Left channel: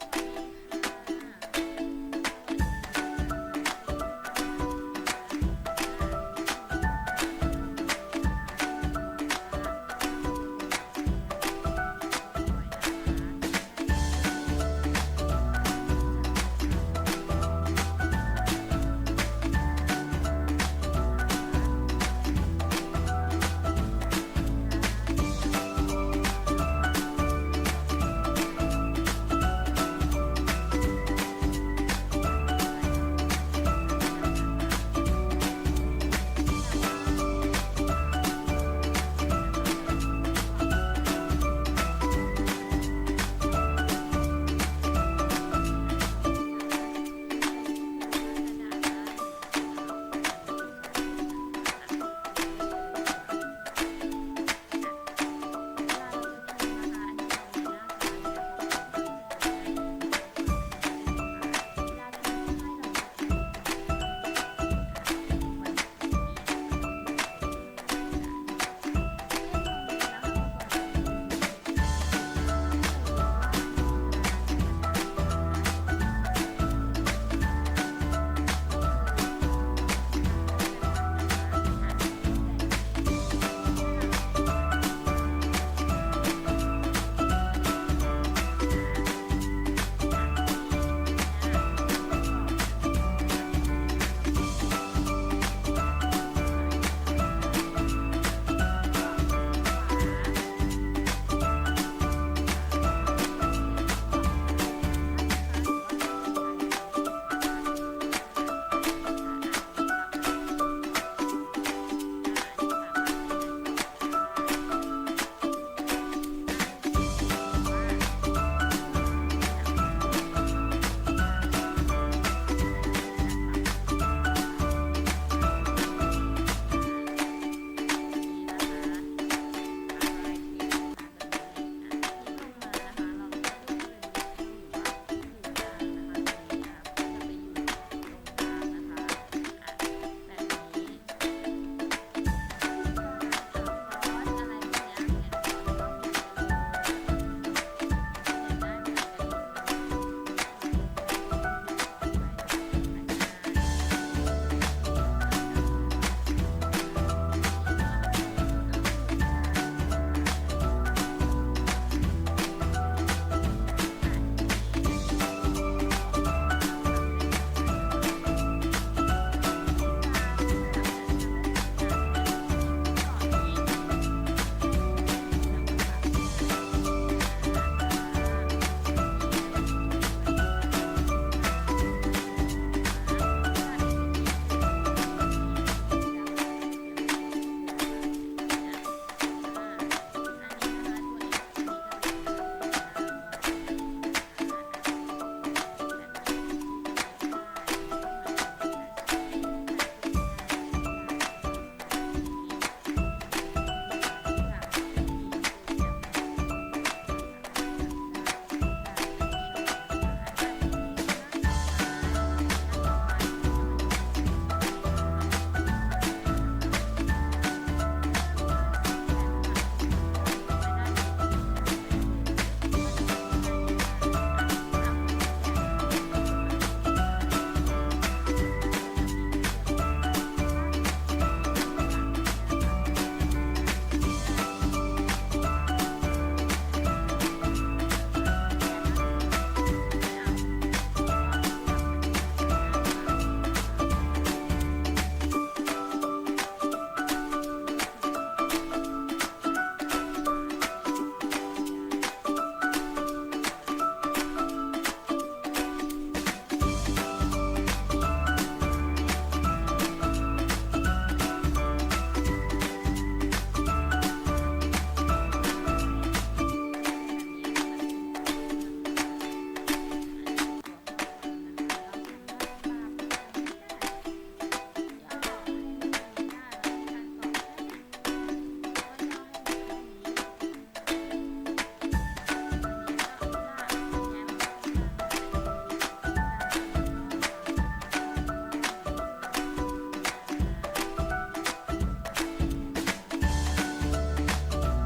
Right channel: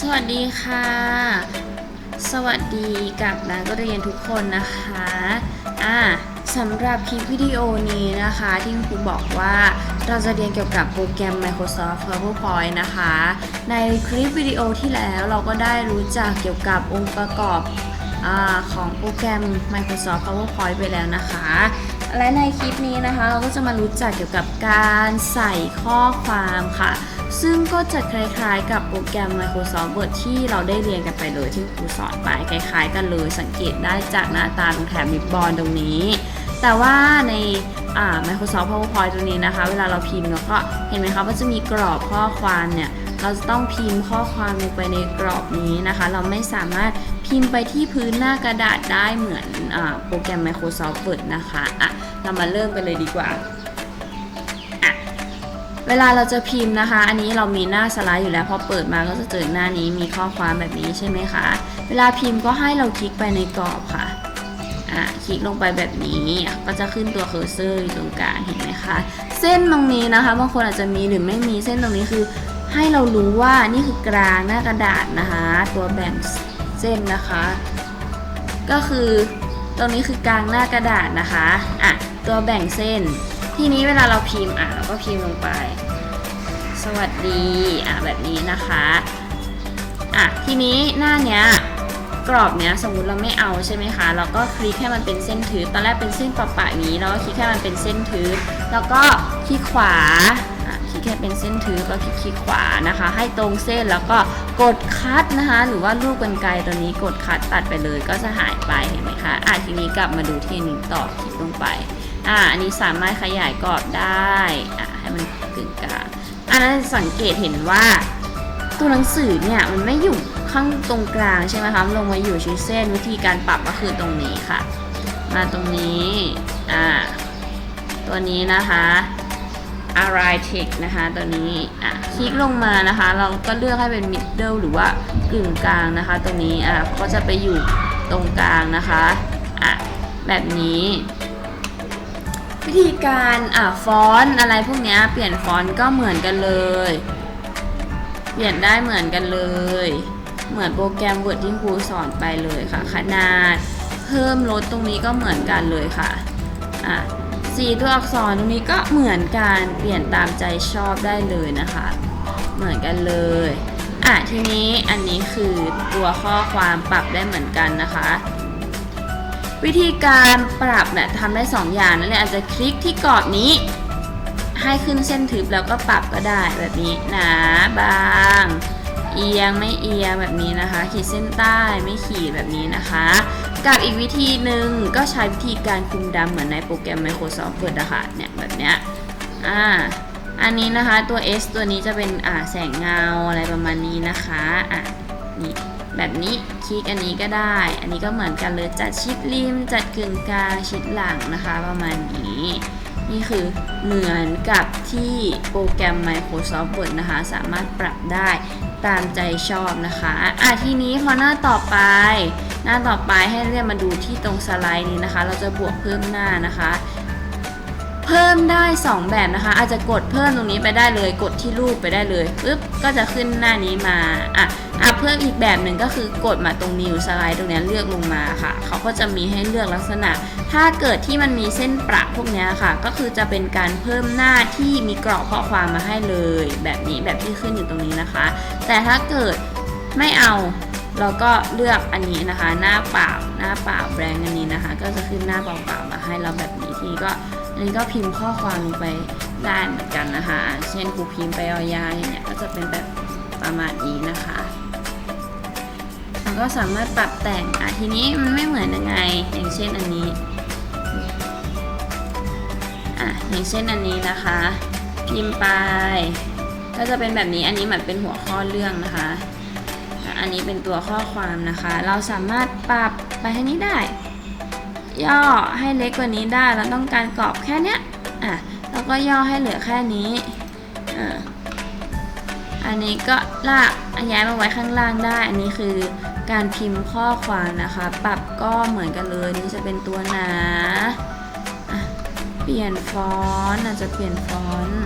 สวัสดีค่ะ สวัสดีกับนักเรียนทุกคนนะคะอ่าสำหรับคลิปวิดีโอนี้นะคะ ที่ครูบอกว่าเราจะเรียนเกี่ยวกับโปรแกรม Microsoft PowerPoint นะคะ ในคลิปวิดีโอที่แล้วเราก็ได้รู้จักเกี่ยวกับองค์ประกอบอของโปรแกรม Microsoft PowerPoint ไปแล้วนะคะ และในคลิปนี้นะคะ เราก็จะมารู้จักเกี่ยวกับการใส่ข้อความค่ะ ซึ่งก็จะคล้ายๆ กับโปรแกรม Microsoft Word ที่เราได้เรียนกันไปเลยที่ครูสอนไปคล้ายๆ กันเลยสังเกตได้จากหน้าตาตรงแถบริบบอลตรงนี้ แต่ว่าในา Microsoft PowerPoint ตรงนี้นะคะ เวลาเราพิมพ์เราก็เห็นไหมคะว่าจะมีกรอบข้อความเนี่ยเราจะต้องพิมพ์ข้อความลงไปในกรอบนี้นะคะ เราไม่สามารถพิมพ์ไปที่พื้นหน้ากระดาษได้เหมือนอโปรแกรม Microsoft Word นะคะอะเรามาเริ่มกันเลยดีกว่า เวลาเราจะพิมพ์นะคะ อันนี้เรามีหน้าสไลด์อยู่แล้วพอเปิดมาก็จะเจอหน้านี้มีข้อความแบบนี้ใช่ไหมคะเวลาพิมพ์ก็ให้เราคลิกไปในกรอบค่ะอะคลิกลงไปแบบนี้ก็จะขึ้นตัวเคอร์เซอร์อยู่ตรงกลางเห็นไหมคะเส้นตรงนี้นะคะบางคนอาจจะมีหรือไม่มีเส้นตรงนี้คือ ให้เรารู้ว่านี่คือกลางหน้ากระดาษนะคะ ตัวแบ่งเส้นนะคะ ก็คือตรงนี้คือกลางหน้ากระดาษนะคะอะตัวแบ่งเส้น ทีนี้เวลาเราพิมพ์อะเราก็พิมพ์ลงไป สวัสดีอะแบบนี้นะคะอะทีนี้หน้าเนี้ยกรอบเนี้ยสมมุติเราไม่เอาใช่ไหมคะ เราก็คลิกให้มันเป็นเส้นทึบตอนแรกเป็นเส้นปะปะนี้เราก็คลิกให้มันเป็นเส้นทึบแล้วก็คลิกขวาคลิกให้เป็นเส้นทึบก็คลิกคลิกขวานะคะ ให้ตรงเส้นแล้วก็กดคัดนะคะ หรือว่าลูกกรรไกรตัวนี้กดคัดตัดไปเลยก็จะหายไปเห็นไหมคะอะทีนี้กลับมาดูที่นี้ต่อคลิกลงไป อ่าอันนี้สามารถขยายกรอบได้อะให้มันกึ่งกลางอันนั้นสังเกตเห็นว่า ตัวหนังสือเนี่ยมันไม่อยู่ข้างตรงกลางใช่ไหมคะลงมาอยู่ชิ้นเส้นวิธีการปรับก็คือตรงนี้ค่ะ มาตรงนี้อ่าตัวนี้นะคะ a r i t e c นะคะตัวนี้อะคลิกลงมานะคะ เราก็เลือกให้เป็น middle หรือว่ากึ่งกลางนะคะ ตัวนี้อะก็จะไปอยู่ตรงกลางนะคะอะแบบนี้ ธีการอะฟอนต์อะไรพวกนี้เปลี่ยนฟอนต์ก็เหมือนกันเลย เปลี่ยนได้เหมือนกันเลย เหมือนโปรแกรม Word ที่ครูสอนไปเลยค่ะ ขนาดเพิ่มลดตรงนี้ก็เหมือนกันเลยค่ะอะสีตัวอักษรตรงนี้ก็เหมือนกันเปลี่ยนตามใจชอบได้เลยนะคะ เหมือนกันเลยอะทีนี้อันนี้คือตัวข้อความปรับได้เหมือนกันนะคะ วิธีการปรับเนี่ยทำได้ 2 อย่างนั่นแหละอาจจะคลิกที่กรอบนี้ ให้ขึ้นเส้นทึบแล้วก็ปรับก็ได้แบบนี้หนาบาง เอียงไม่เอียงแบบนี้นะคะ ขีดเส้นใต้ไม่ขีดแบบนี้นะคะ กับอีกวิธีหนึ่งก็ใช้วิธีการคุมดำเหมือนในโปรแกรม Microsoft Word นะคะเนี่ยแบบเนี้ยอ่าอันนี้นะคะตัว S ตัวนี้จะเป็นอ่าแสงเงาอะไรประมาณนี้นะคะอะ แบบนี้คลิกอันนี้ก็ได้ อันนี้ก็เหมือนกันเลยจัดชิดริม จัดกึ่งกลางชิดหลังนะคะ ประมาณนี้ นี่คือเหมือนกับที่โปรแกรม Microsoft Word นะคะ สามารถปรับได้ตามใจชอบนะคะอะทีนี้พอหน้าต่อไป หน้าต่อไปให้เรียกมาดูที่ตรงสไลด์นี้นะคะ เราจะบวกเพิ่มหน้านะคะ เพิ่มได้ 2 แบบนะคะ อาจจะกดเพิ่มตรงนี้ไปได้เลย กดที่รูปไปได้เลยปึ๊บก็จะขึ้นหน้านี้มาอะอะเพิ่มอีกแบบหนึ่งก็คือกดมาตรงนิวสไลด์ตรงนี้เลือกลงมาค่ะเขาก็จะมีให้เลือกลักษณะ ถ้าเกิดที่มันมีเส้นประพวกเนี้ยค่ะ ก็คือจะเป็นการเพิ่มหน้าที่มีกรอบข้อความมาให้เลย แบบนี้แบบที่ขึ้นอยู่ตรงนี้นะคะ แต่ถ้าเกิดไม่เอาเราก็เลือกอันนี้นะคะ หน้าเปล่าหน้าเปล่าแบรงอันนี้นะคะ ก็จะขึ้นหน้าเปล่าๆมาให้เราแบบนี้ทีก็ อันนี้ก็พิมพ์ข้อความลงไปได้เหมือนกันนะคะ เช่นครูพิมพ์ไปเอายาอย่างเงี้ยก็จะเป็นแบบประมาณนี้นะคะก็สามารถปรับแต่งอะทีนี้มันไม่เหมือนยังไง อย่างเช่นอันนี้อะอย่างเช่นอันนี้นะคะ พิมพ์ไป ก็จะเป็นแบบนี้อันนี้เหมือนเป็นหัวข้อเรื่องนะคะอันนี้เป็นตัวข้อความนะคะ เราสามารถปรับไปให้นี้ได้ ย่อให้เล็กกว่านี้ได้ เราต้องการกรอบแค่เนี้ยอะแล้วก็ย่อให้เหลือแค่นี้อ่าอันนี้ก็ลากย้ายมาไว้ข้างล่างได้ อันนี้คือการพิมพ์ข้อความนะคะ ปรับก็เหมือนกันเลยนี่จะเป็นตัวหนาเปลี่ยนฟอนต์อาจจะเปลี่ยนฟอนต์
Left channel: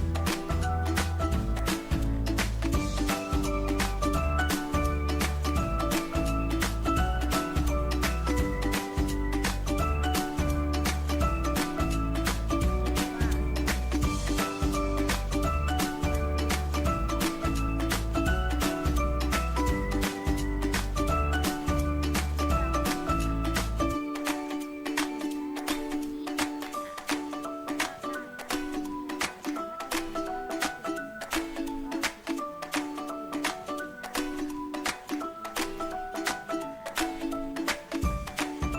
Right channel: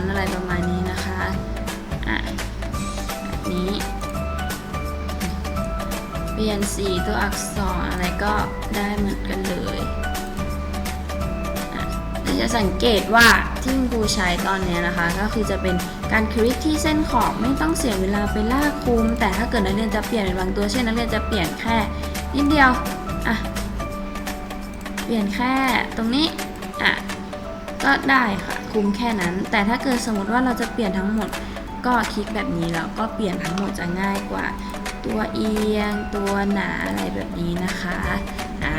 รอะไรประมาณนี้นะคะ สีตัวอักษรอะไรก็ได้เหมือนกันเลยจะสังเกตว่าที่คุณครูใช้ตอนเนี้ยนะคะ ก็คือจะเป็นการคลิกที่เส้นขอบไม่ต้องเสียเวลาไปลากคุม แต่ถ้าเกิดนักเรียนจะเปลี่ยนเป็นบางตัวเช่นนักเรียนจะเปลี่ยนแค่นิดเดียวอะเปลี่ยนแค่ตรงนี้อะก็ได้ค่ะคุมแค่นั้น แต่ถ้าเกิดสมมติว่าเราจะเปลี่ยนทั้งหมด ก็คลิกแบบนี้แล้วก็เปลี่ยนทั้งหมดจะง่ายกว่า ตัวเอียง ตัวหนาอะไรแบบนี้นะคะ อ่า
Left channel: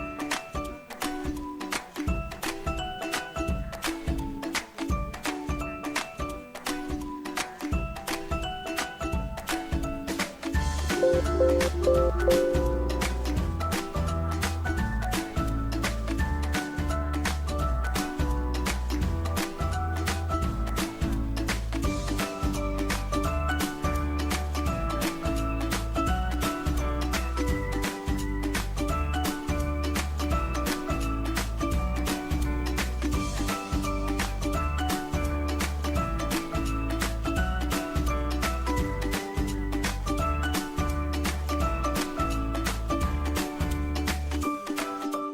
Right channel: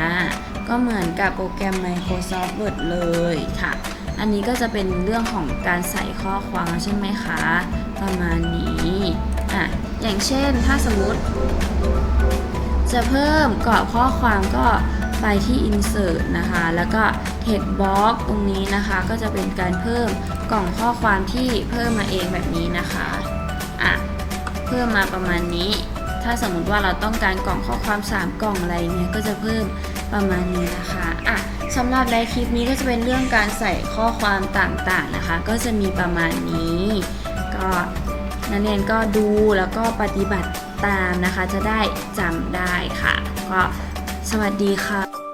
ก็เหมือนกับโปรแกรม Microsoft Word เลยค่ะ อันนี้ก็จะเป็นเรื่องของการใส่ข้อความใช่ไหมคะ ประมาณนี้ อะ อย่างเช่นถ้าสมมติ จะเพิ่มกรอบข้อความก็ไปที่ insert นะคะ แล้วก็ text box ตรงนี้นะคะ ก็จะเป็นการเพิ่มกล่องข้อความที่เพิ่มมาเองแบบนี้นะคะ อะ เพิ่มมาประมาณนี้ ถ้าสมมติว่าเราต้องการกล่องข้อความ3กล่องอะไรเนี่ยก็จะเพิ่มประมาณนี้นะคะอะสำหรับในคลิปนี้ก็จะเป็นเรื่องการใส่ข้อความต่างๆนะคะ ก็จะมีประมาณนี้ ก็นักเรียนก็ดูแล้วก็ปฏิบัติตามนะคะ จะได้จำได้ค่ะ ก็สวัสดีค่ะ